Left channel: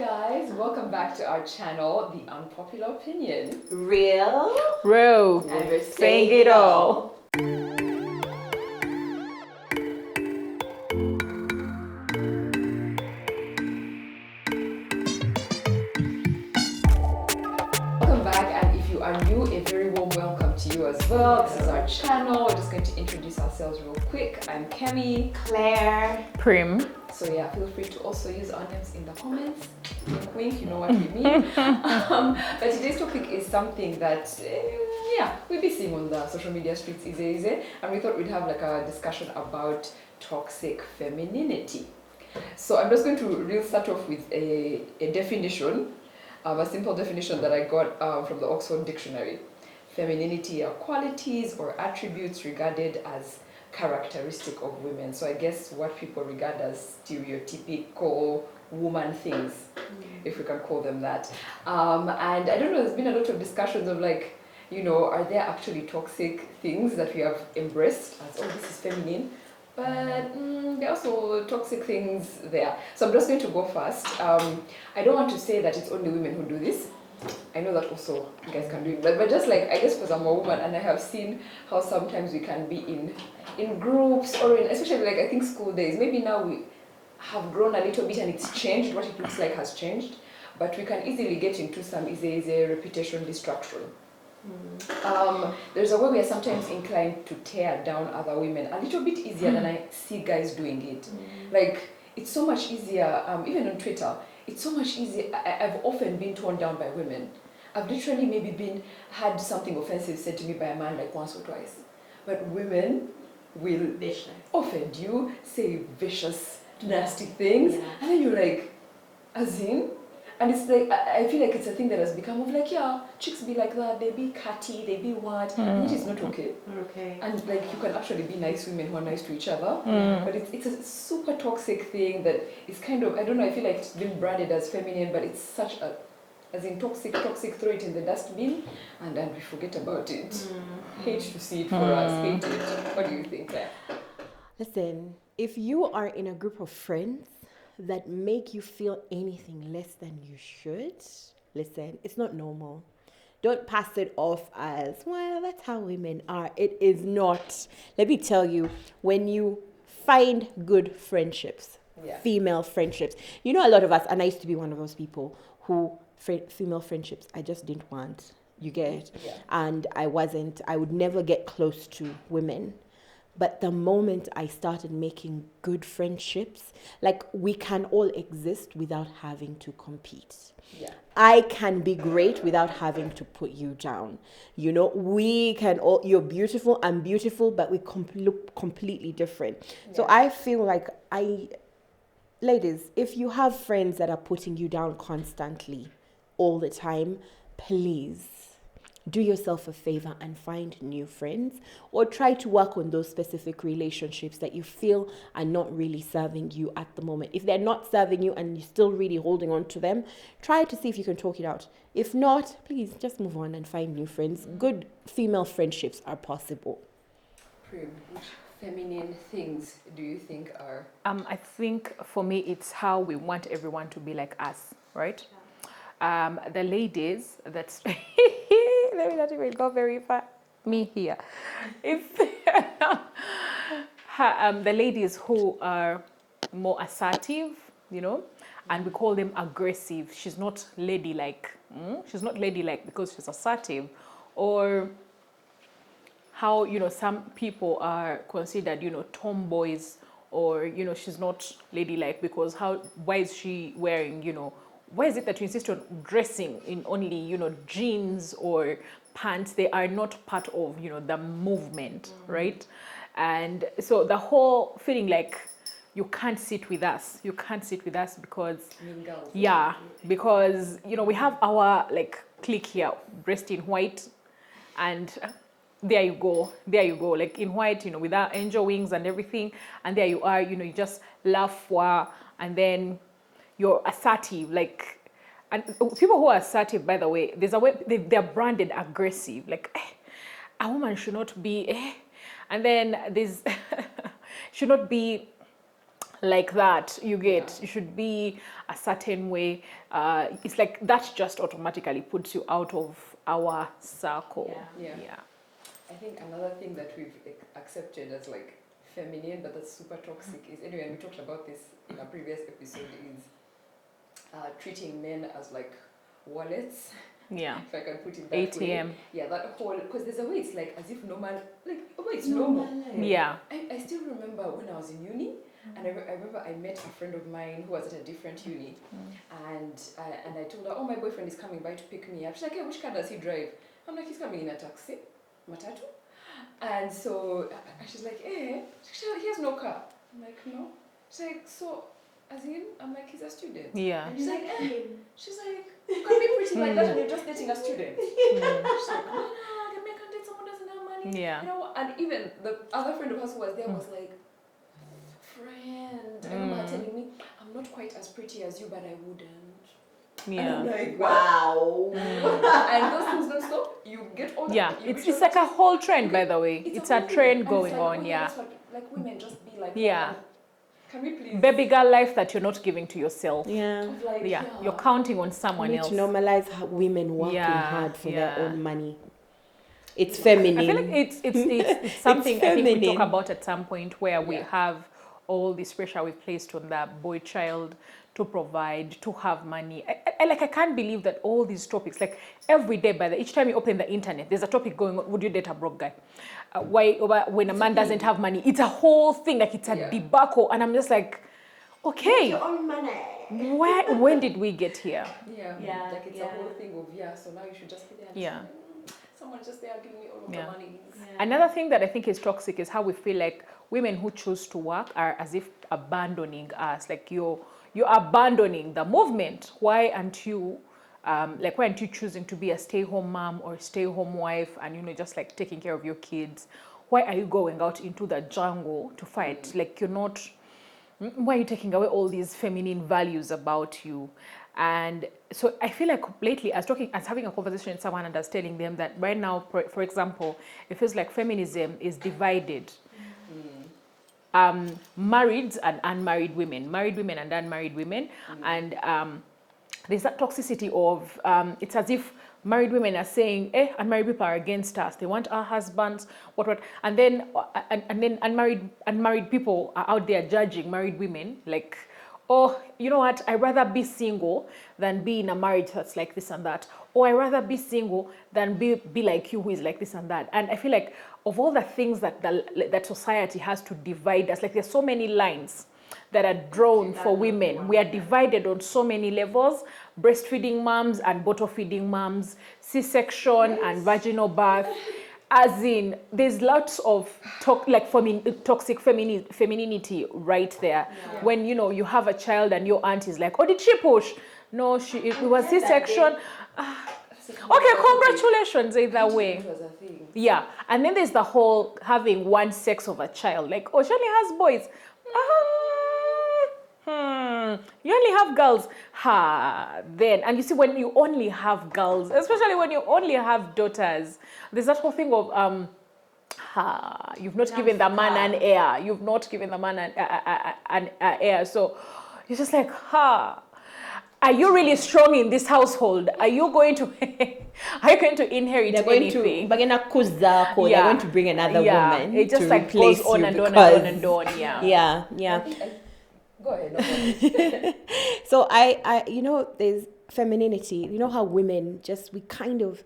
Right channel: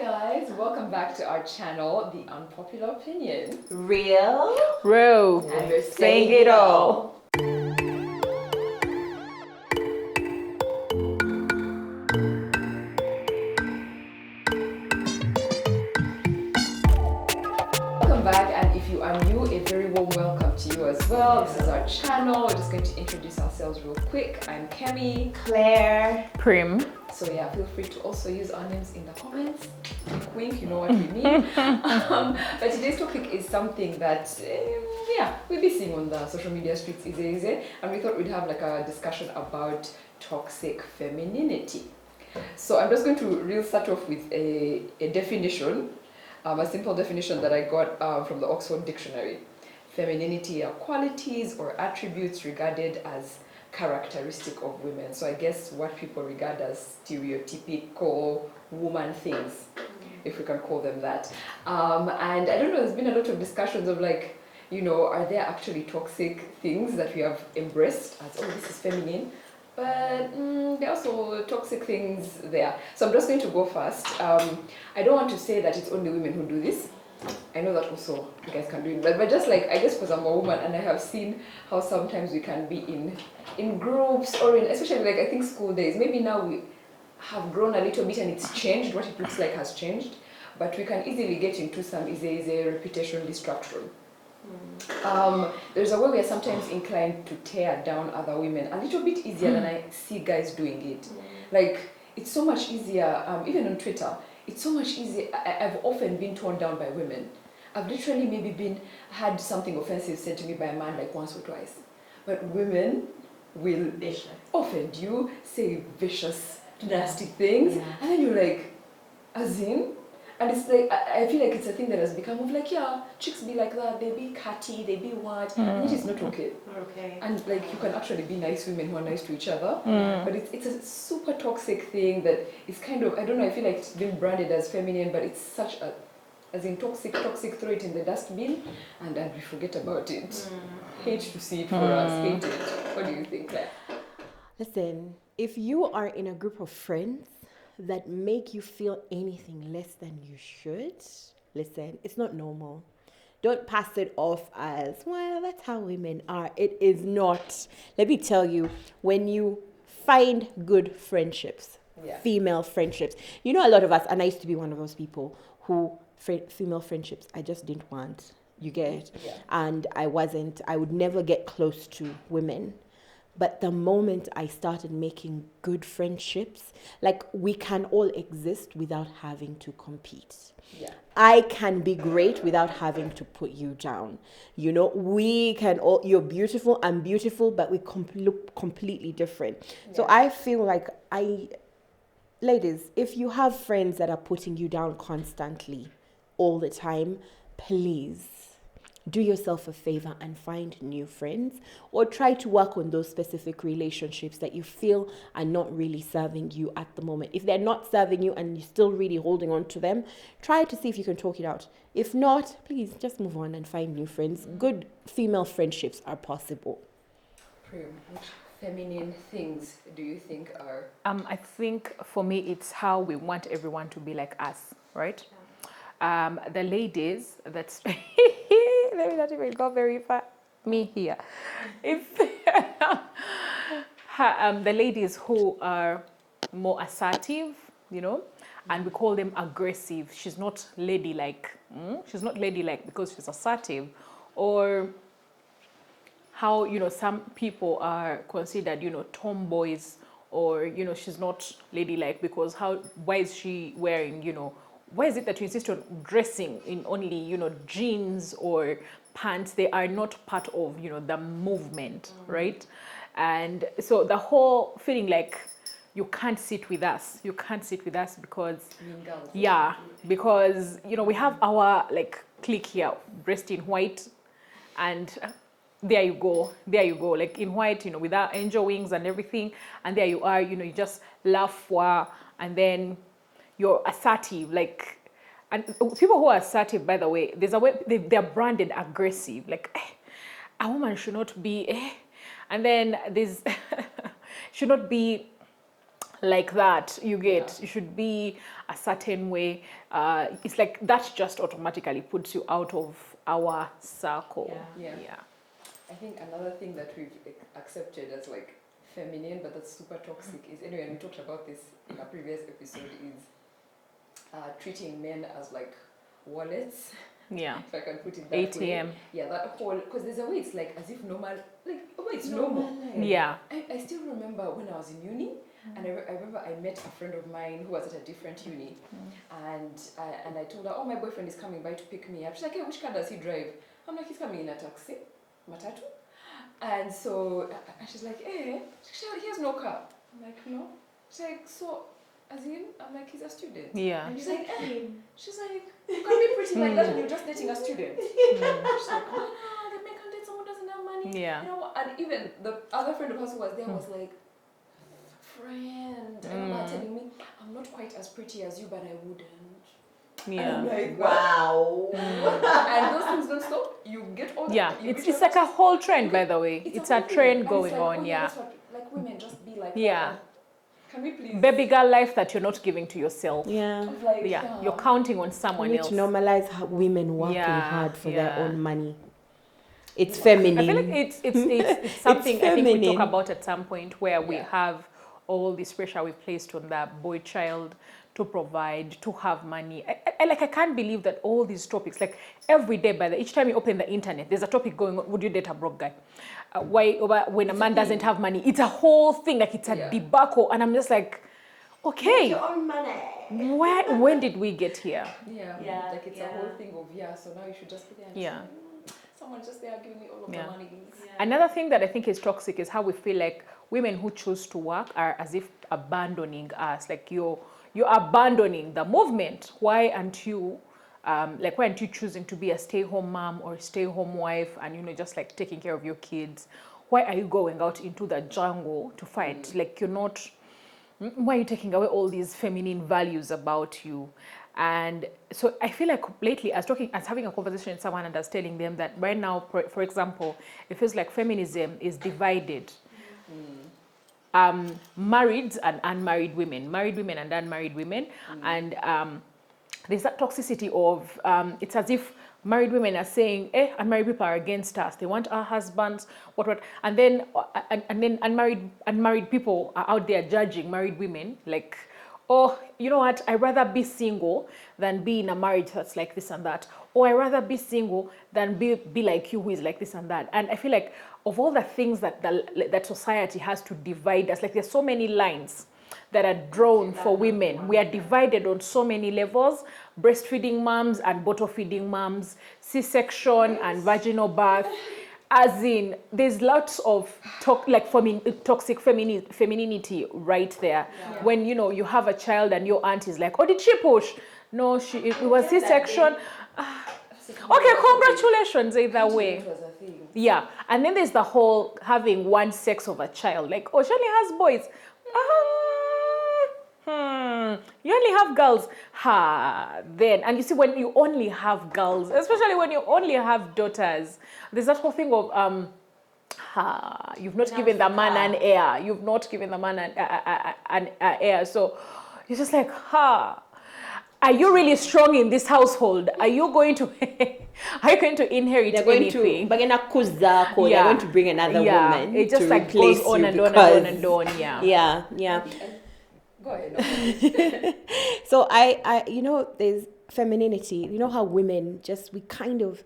guys, welcome back to our channel, The Unpopular Opinion. Real, And we're saying it all. Welcome back, and if you are new, a very warm welcome to you as well. This is our channel. We're just going to introduce ourselves real quick. I'm Kemi. Claire. Prim. So yeah, feel free to also use our names in the comments. Wink, you know what we mean. But today's topic is something that, we'll be seeing on the social media streets easy. And we thought we'd have like a discussion about toxic femininity. So I'm just going to start off with a definition, a simple definition that I got from the Oxford Dictionary. Femininity are qualities or attributes regarded as characteristic of women. So I guess what people regard as stereotypical woman things, if we can call them that. And I don't know, there's been a lot of discussions of like, you know, are there actually toxic things that we have embraced as this is feminine? But there are also toxic things there. So I'm just going to go first. I don't want to say that it's only women who do this. I know that also you guys can do it, but just like, I guess because I'm a woman and I have seen how sometimes we can be in groups or in, especially like I think school days, maybe now we have grown a little bit and it's changed, what it looks like has changed, but we can easily get into some easy reputation destruction. There's a way we are sometimes inclined to tear down other women a little bit easier than I see guys doing it. Like, it's so much easier, even on Twitter, it's so much easier. I've often been torn down by women. I've literally maybe had something offensive said to me by a man like once or twice. But women will offend you, say vicious, nasty things, and then you're like, as in? And it's like, I feel like it's a thing that has become of like, yeah, chicks be like that, they be catty, they be what, and it is not okay. And like, you can actually be nice women who are nice to each other, but it's a super toxic thing that is kind of, I don't know, I feel like it's been branded as feminine, but it's such a, as in toxic, throw it in the dustbin, and then we forget about it. Hate to see it for us, hate it. What do you think? Listen, if you are in a group of friends that make you feel anything less than you should, listen, it's not normal. Don't pass it off as, well, that's how women are. It is not. Let me tell you, when you find good friendships, female friendships, you know, a lot of us, and I used to be one of those people who female friendships, I just didn't want. You get? Yeah. And I would never get close to women. But the moment I started making good friendships, like we can all exist without having to compete. Yeah. I can be great without having to put you down. You know, we can all, you're beautiful, I'm beautiful, but we look completely different. Yeah. So I feel like ladies, if you have friends that are putting you down constantly, all the time, please do yourself a favor and find new friends, or try to work on those specific relationships that you feel are not really serving you at the moment. If they're not serving you and you're still really holding on to them, try to see if you can talk it out. If not, please just move on and find new friends. Good female friendships are possible. Prim, which feminine things do you think are? I think for me it's how we want everyone to be like us, right? The ladies, that's go very far. Me here. The ladies who are more assertive, you know, and we call them aggressive. She's not ladylike. She's not ladylike because she's assertive. Or how, you know, some people are considered, you know, tomboys, or, you know, she's not ladylike because why is she wearing, you know, why is it that she's used to dressing in only, you know, jeans or pants? They are not part of, you know, the movement, right? And so the whole feeling like you can't sit with us because mean girls. Yeah, because, you know, we have our like clique here dressed in white, and there you go, like in white, you know, with our angel wings and everything, and there you are, you know, you just laugh for, and then you're assertive, like, and those people who are assertive, by the way, there's a way they're branded aggressive, like, a woman should not be, and then there's should not be like that. You get, you should be certain way. It's like that just automatically puts you out of our circle. Yeah. I think another thing that we've accepted as like feminine, but that's super toxic is, anyway, we talked about this in a previous episode, is treating men as like wallets. Yeah. If I can put it that ATM. way. Yeah, that whole, because there's a way it's like as if normal, like, oh, it's normal. Yeah. I still remember when I was in uni, and I remember I met a friend of mine who was at a different uni, and I told her, oh, my boyfriend is coming by to pick me up. She's like, hey, which car does he drive? I'm like, he's coming in a taxi, matatu. And so she's like, eh, he has no car. I'm like, no. She's like, so, as in? I'm like, he's a student. Yeah. And she's like, she's like, you can be pretty like that when you're just dating a student. She's like, the man can date someone who doesn't have money. Yeah. You know, and even the other friend of hers who was there was like, friend, I remember her telling me, I'm not quite as pretty as you, but I wouldn't. Yeah. And I'm like, Wow. and those things don't stop. You get older. Yeah. You reach It's a such certain a whole trend, by the way. It's a a whole trend and it's going like, on. oh yeah, that's what, like women just be like Yeah. that. Can we please? Baby girl life that you're not giving to yourself. Yeah. Of like, Yeah. yeah. You're counting on We someone need else. to normalize women working Yeah. hard for their Yeah. own money. It's feminine. It's It's something feminine. we talk about at some point where we Yeah. have all this pressure we placed on the boy child to provide, to have money. And I can't believe that all these topics, like every day, by each time you open the internet, there's a topic going on, would you date a broke guy? Why when a man doesn't have money, it's a whole thing, like it's a Yeah. debacle, and I'm just like, okay, your own money. when did we get here? Yeah. Yeah, Like it's a whole thing of, yeah, so now you should just be there and Yeah. someone's just there giving you all of the Yeah. money. Another thing that I think is toxic is how we feel like women who choose to work are as if abandoning us. Like you're abandoning the movement. Why aren't you, like why aren't you choosing to be a stay-home mom or a stay-home wife and just like taking care of your kids? Why are you going out into the jungle to fight? Like you're not. Why are you taking away all these feminine values about you? And so I feel like lately I was having a conversation with someone understanding them that right now, for example, it feels like feminism is divided. Married and unmarried women, married women and unmarried women, and there's that toxicity of it's as if married women are saying, unmarried people are against us, they want our husbands, and then unmarried people are out there judging married women, like, oh, you know what, I'd rather be single than be in a marriage that's like this and that, or I'd rather be single than be like you who is like this and that. And I feel like of all the things that society has to divide us, like there's so many lines that are drawn for women. We are divided on so many levels: breastfeeding moms and bottle feeding moms, C-section and vaginal birth. As in, there's lots of toxic femininity right there. Yeah. When you have a child and your aunt is like, "Oh, did she push? No, it was C-section." Okay, congratulations in that way. Yeah, and then there's the whole having one sex of a child. Like, oh, she only has boys. You only have girls. Then, and you see, when you only have girls, especially when you only have daughters, there's that whole thing of you've not given a man an heir. You've not given a man an heir. So it's just like, are you really strong in this household? Are you going to inherit? They're going to they're going to bring another woman to like replace you on because and on. yeah. Go ahead. So I there's femininity. You know how women we kind of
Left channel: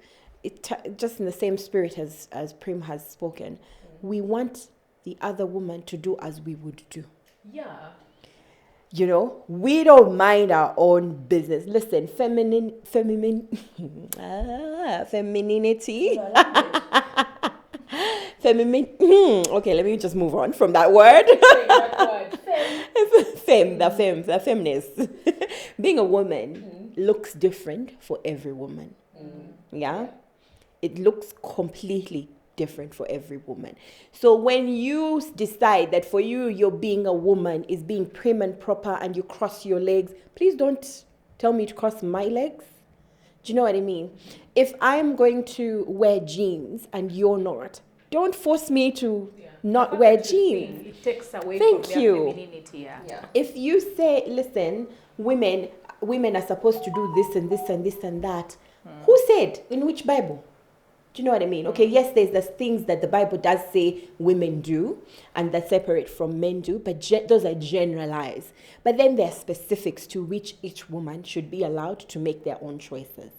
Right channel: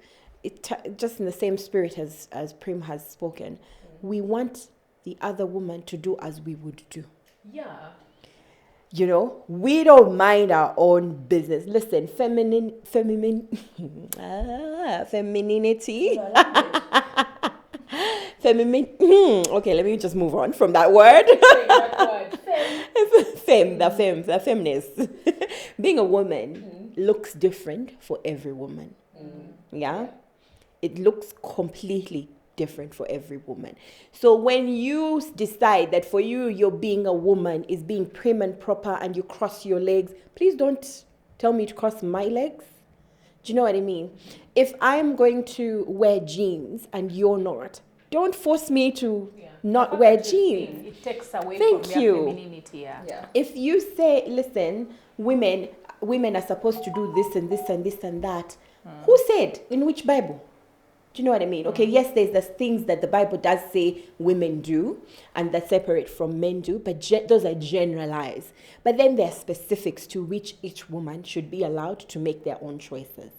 just in the same spirit as Prim has spoken. We want the other woman to do as we would do. Yeah. We don't mind our own business. Listen, femininity. Okay, let me just move on from that word. The feminist. Being a woman looks different for every woman. Yeah? It looks completely different for every woman. So when you decide that for you're being a woman is being prim and proper and you cross your legs, please don't tell me to cross my legs. Do you know what I mean? If I'm going to wear jeans and you're not, don't force me to not wear jeans. It takes away Thank from you. their femininity, Yeah. If you say, listen, women, women are supposed to do this and this and this and that. Who said? In which Bible? Do you know what I mean? Okay, yes, there's the things that the Bible does say women do and that separate from men do, but those are generalized. But then there are specifics to which each woman should be allowed to make their own choices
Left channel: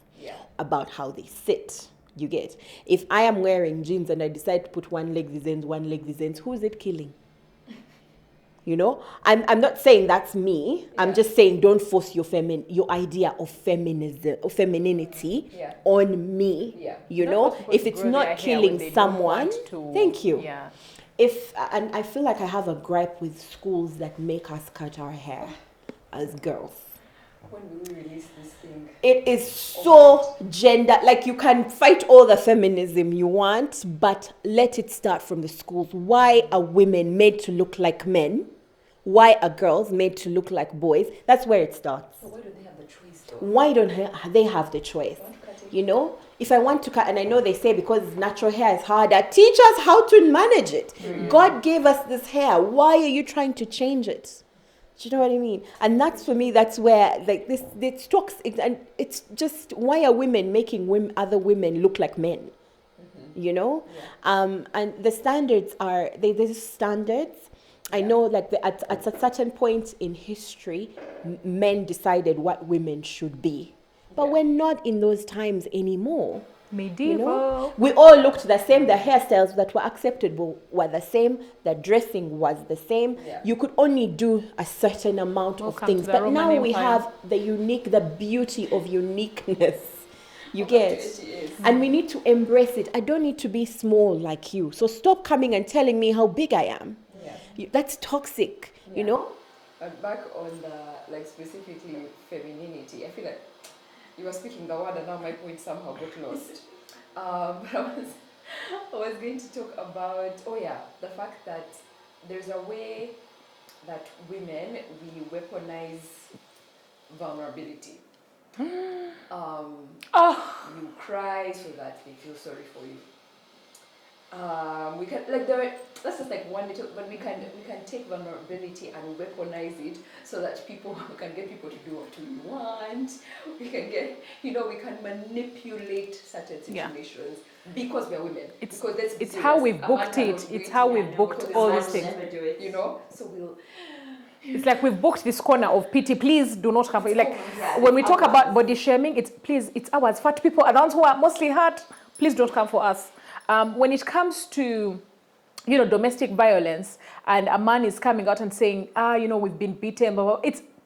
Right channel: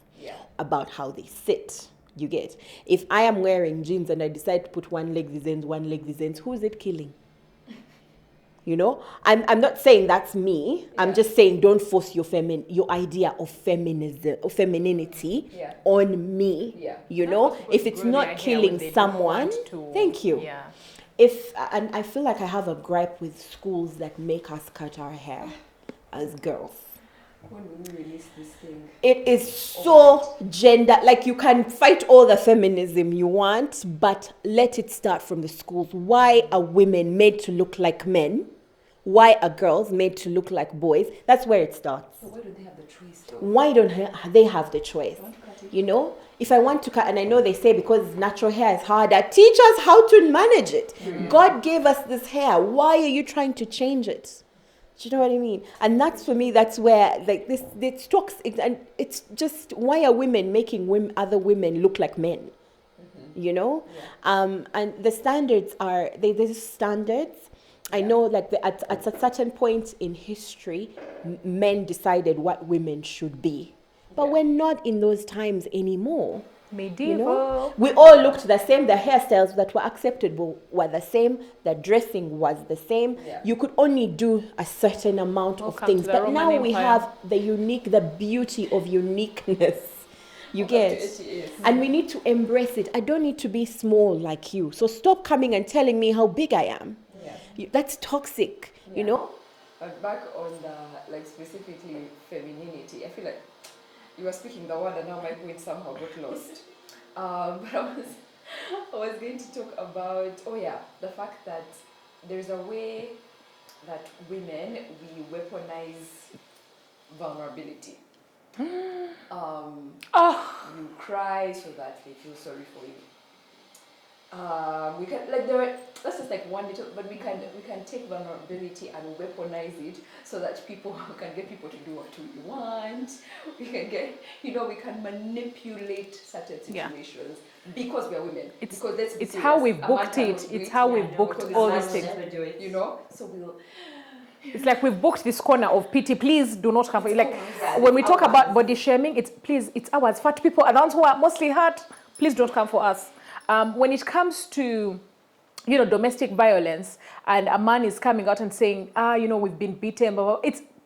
about how they sit. You get? If I am wearing jeans and I decide to put one leg this end, who is it killing? You know, I'm not saying that's me. I'm just saying don't force your idea of feminism or femininity on me. You know, if it's not killing someone, thank you. And I feel like I have a gripe with schools that make us cut our hair as girls. When do we release this thing? It is so gender, like you can fight all the feminism you want, but let it start from the schools. Why are women made to look like men? Why are girls made to look like boys? That's where it starts. So why don't they have the choice though? Why don't they have the choice? You know, if I want to cut, and I know they say because natural hair is harder, teach us how to manage it. God gave us this hair. Why are you trying to change it? Do you know what I mean? And that's, for me, that's where like this talks, and it's just, why are women making other women look like men? You know? And the standards are, there's standards. I know, like, at a certain point in history, men decided what women should be. But we're not in those times anymore. You know? We all looked the same. The hairstyles that were acceptable were the same. The dressing was the same. You could only do a certain amount of things. But now we have the beauty of uniqueness. You get? And we need to embrace it. I don't need to be small like you. So stop coming and telling me how big I am. That's toxic, you know? And back on, like, specifically femininity, I feel like you were speaking the word and now my point somehow got lost. But I was going to talk about, the fact that there's a way that women, we weaponize vulnerability. You cry so that they feel sorry for you. We can, like, that's just like one little, but we can take vulnerability and weaponize it so that people can get people to do what we want. We can get, we can manipulate certain situations because we're women. Because let's be serious, a man cannot do it. How we because book a man can never do it. So we'll. It's like we booked this corner of pity. Please do not come to us. When we talk about body shaming, it's ours. Fat people and also our mostly hurt. Please don't come for us. When it comes to, domestic violence, and a man is coming out and saying, we've been beaten,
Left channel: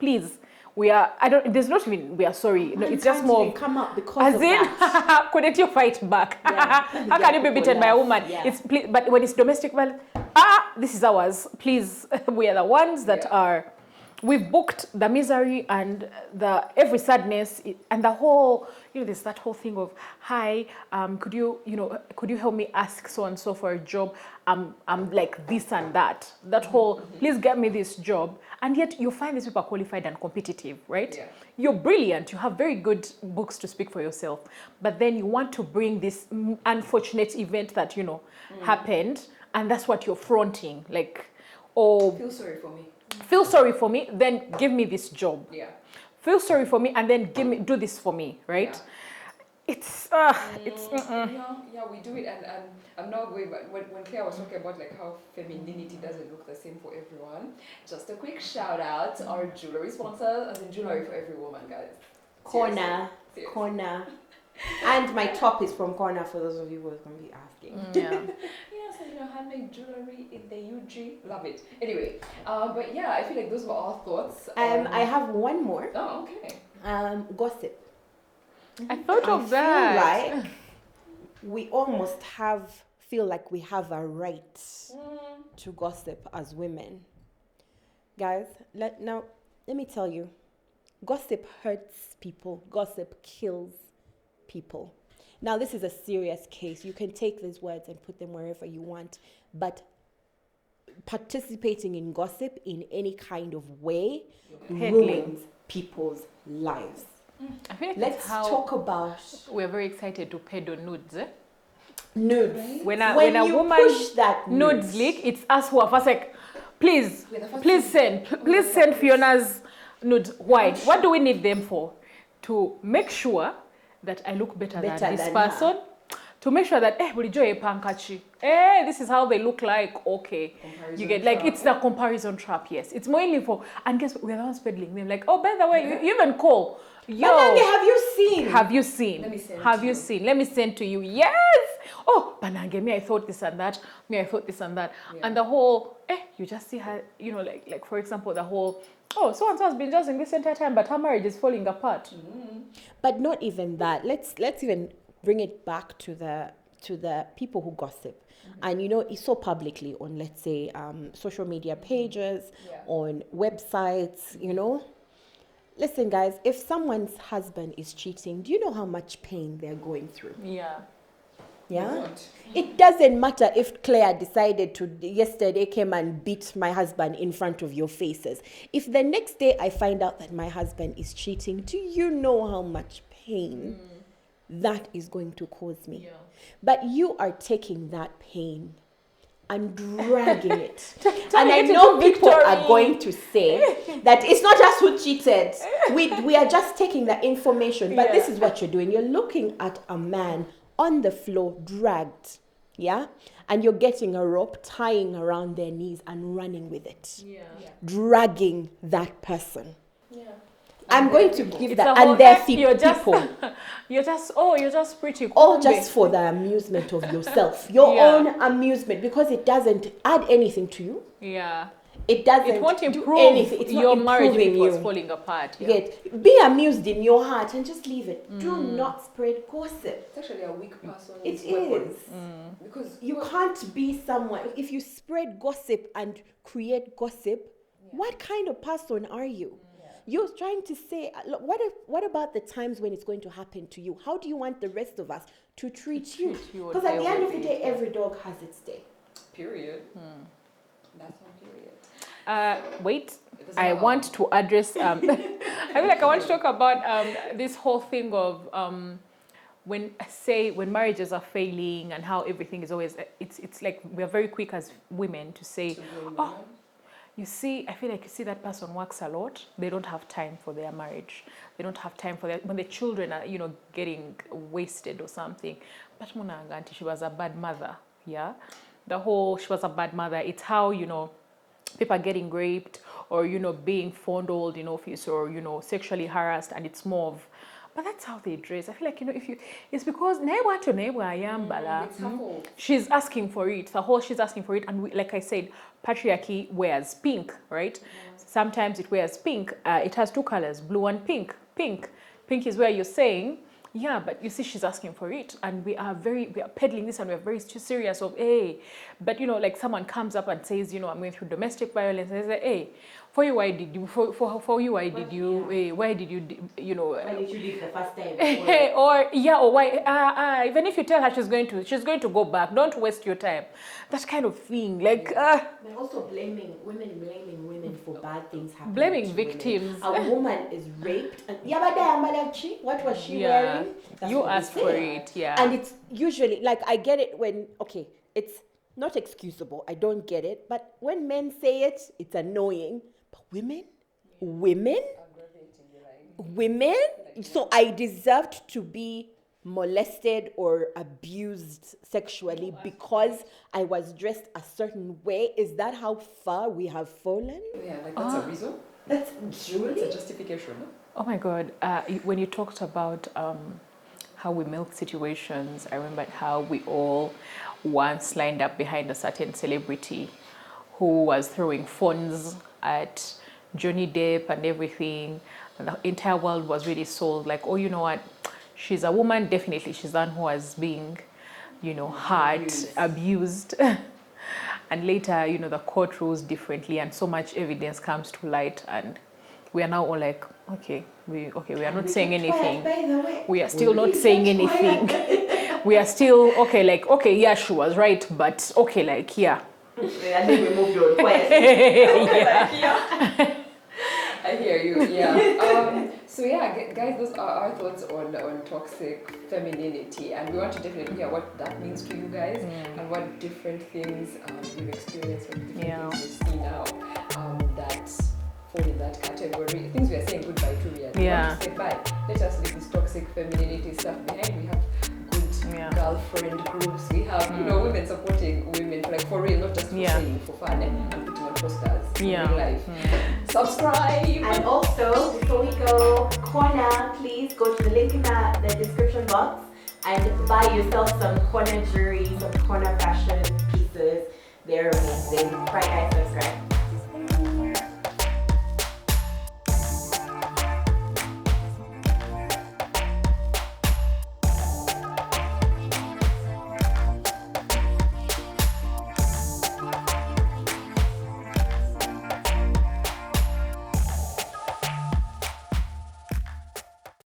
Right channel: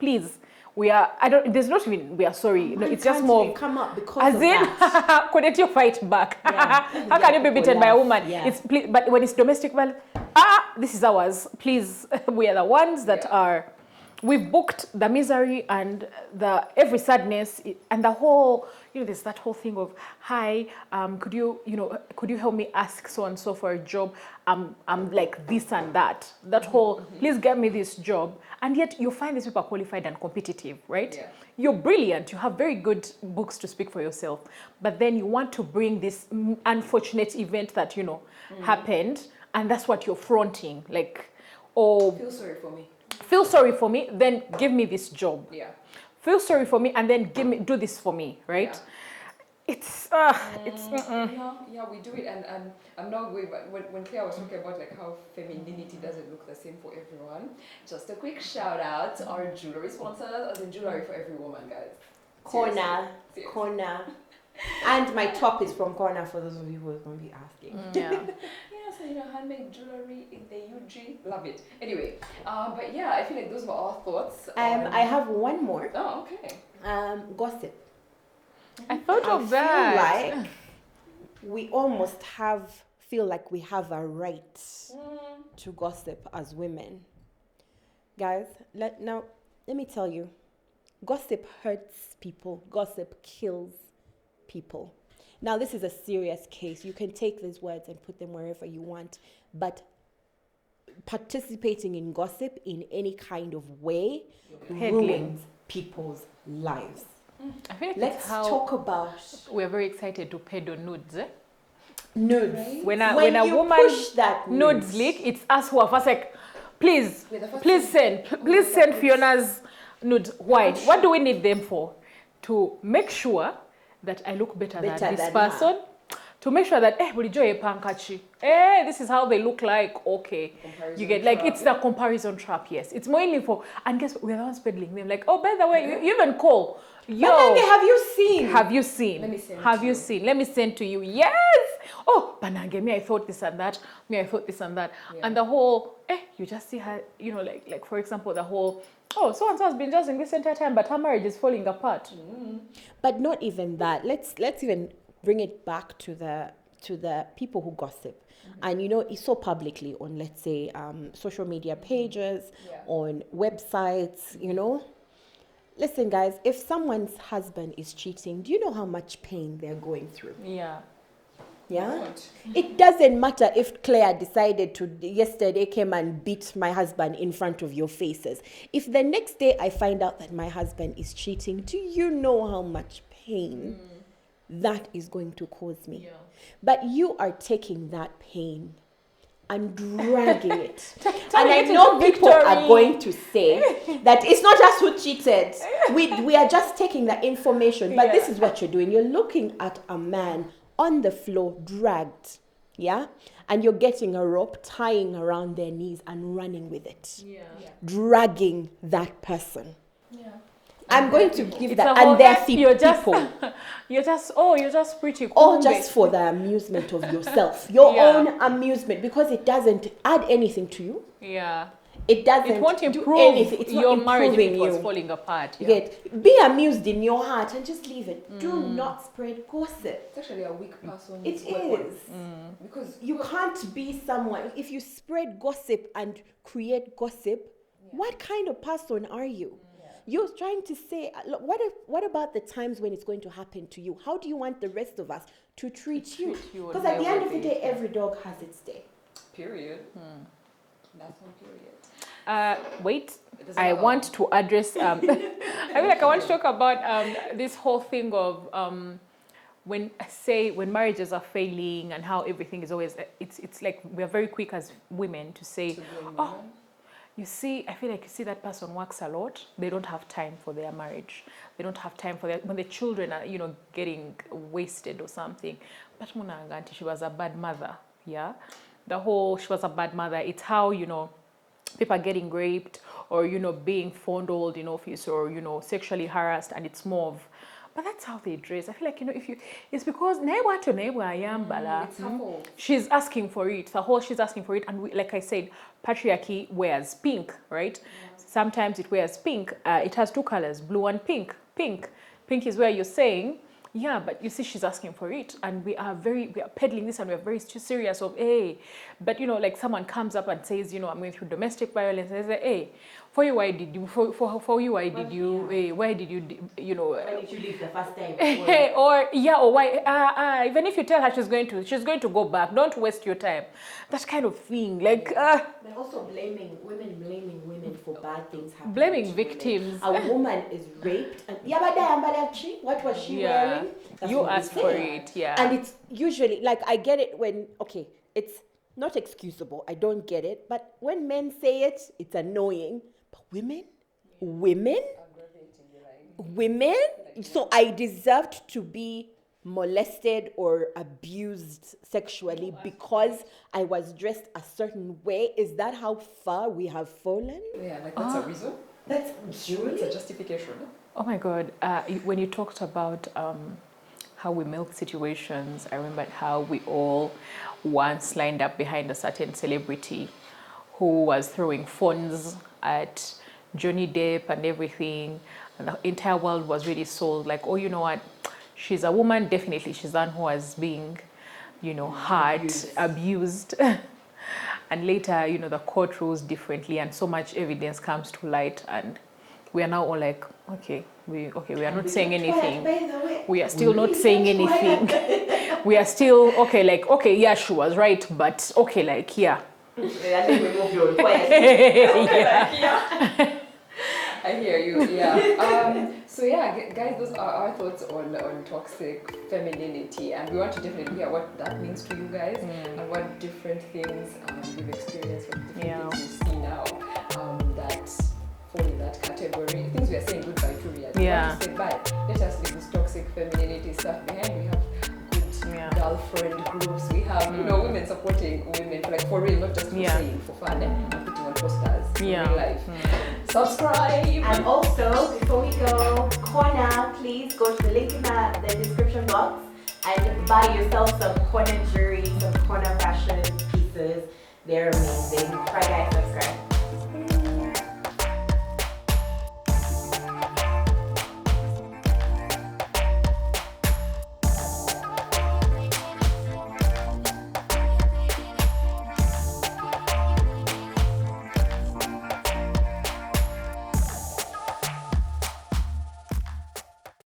please, we are sorry. Man can't even come up because of that. Couldn't you fight back? Yeah, people laugh. But when it's domestic violence, this is ours. Please, we are the ones that are. We booked the misery and every sadness and that whole thing of, hi, could you help me ask so and so for a job? I'm like this and that. That whole, please get me this job. And yet you find these people qualified and competitive, right? Yeah. You're brilliant. You have very good books to speak for yourself. But then you want to bring this unfortunate event that happened, and that's what you're fronting. Like, feel sorry for me. Feel sorry for me. Then give me this job. Yeah. Feel sorry for me, and then do this for me, right? Yeah. We do it, and I'm now going back when Claire was talking about like how femininity doesn't look the same for everyone. Just a quick shout out to our jewelry sponsors, as a jewelry for every woman, guys. Corner. And my top is from Corner for those of you who are going to be asking. Handmade jewelry in the UG, love it. Anyway, but I feel like those were our thoughts. I have one more. Oh, okay. Gossip. I feel like we almost feel like we have a right to gossip as women. Guys, let me tell you, gossip hurts people. Gossip kills people. Now, this is a serious case. You can take these words and put them wherever you want, but participating in gossip in any kind of way ruins people's lives. Let's talk about we're very excited to pay the nudes. Nudes. When you push that nudes, it's us who are first, like, please send Fiona's No, why? What do we need them for? To make sure that I look Better than this her. person. To make sure that this is how they look like. Okay, Comparison like trap. it's a comparison trap. Yes, it's more for. And guess we are spending like, oh, by the way, you even call. Banange, have you seen? Have you seen? Let me send Have to you you. seen? Let me send to you. Yes. Oh, Banange, me I thought this and that. Me I thought this and that. Yeah. And the whole, you just see her, like for example, the whole. Oh, so and so has been just in this entire time, but her marriage is falling apart. Mm-hmm. But not even that. Let's even bring it back to the people who gossip. And it's so publicly on, let's say, social media pages, Yeah. on websites, Listen, guys, if someone's husband is cheating, do you know how much pain they're going through? Yeah. Yeah? It doesn't matter if Claire decided to, yesterday came and beat my husband in front of your faces. If the next day I find out that my husband is cheating, do you know how much pain that is going to cause me? Yeah. But you are taking that pain and dragging it. And I know people are going to say that it's not just who cheated. We are just taking the information. But this is what you're doing. You're looking at a man on the floor, dragged. Yeah? And you're getting a rope, tying around their knees and running with it. Yeah. Dragging that person. Yeah. I'm going to give that. So And there are you're just- people. You're just preaching. Or just for the amusement of yourself, your own amusement, because it doesn't add anything to you. Yeah. It doesn't do anything. It's not improving you. You get, be amused in your heart and just leave it. Do not spread gossip. Actually, a weak person. It is. Because You can't be someone. If you spread gossip and create gossip, what kind of person are you? You're trying to say, look, what about the times when it's going to happen to you? How do you want the rest of us to treat you? Because at the end of the day, every dog has its day. period. That's one period. Wait, because I want to address I want to talk about this whole thing of when marriages are failing and how everything is always like it's like we're very quick as women to say, you see, I feel like that person works a lot. They don't have time for their marriage. They don't have time for it. When the children are, getting wasted or something. That woman, that she was a bad mother. Yeah. She was a bad mother. It's how, people are getting raped or, being fondled, or, sexually harassed, and it's more. But that's how they dress. I feel like, it's because It's her fault. She's asking for it. She's asking for it, and like I said, patriarchy wears pink, right? Sometimes it wears pink. It has two colors, blue and pink. Pink is where you're saying, yeah, but you see, she's asking for it, and we are peddling this, and we're very serious of, hey. But like someone comes up and says, I'm going through domestic violence, and they're like, hey, why did you leave the first time? or even if you tell her she's going to go back, don't waste your time. That kind of thing. But also blaming women for bad things happening to women. Victims. A woman is raped and what was she wearing? That's what we say. Right, yeah. And it's usually, like, I get it when, it's not excusable. I don't get it. But when men say it, it's annoying. But women? So I deserved to be molested or abused sexually because I was dressed a certain way. Is that how far we have fallen? Yeah, that's a reason. That's truly It's a justification. Oh my God! When you talked about how we build situations and like how we all once signed up behind a certain celebrity who was throwing phones at Johnny Depp and everything, the entire world was really sold like, oh, you know what? She's a woman, definitely she's one who has been, abused. And later, the court rules differently and so much evidence comes to light and we're now all like, okay, we're not saying anything. by the way. We are still not saying anything. We are still, okay, yeah, she was right, but okay, like, yeah. And then we moved on quietly. I hear you, yeah. So yeah, guys, those are our thoughts on toxic femininity, and we want to definitely hear what that means to you guys, and what different things you've experienced, different things you see now that fall in that category. Things we're buy yourself some corner jewelry, some corner fashion pieces. They're amazing. Friday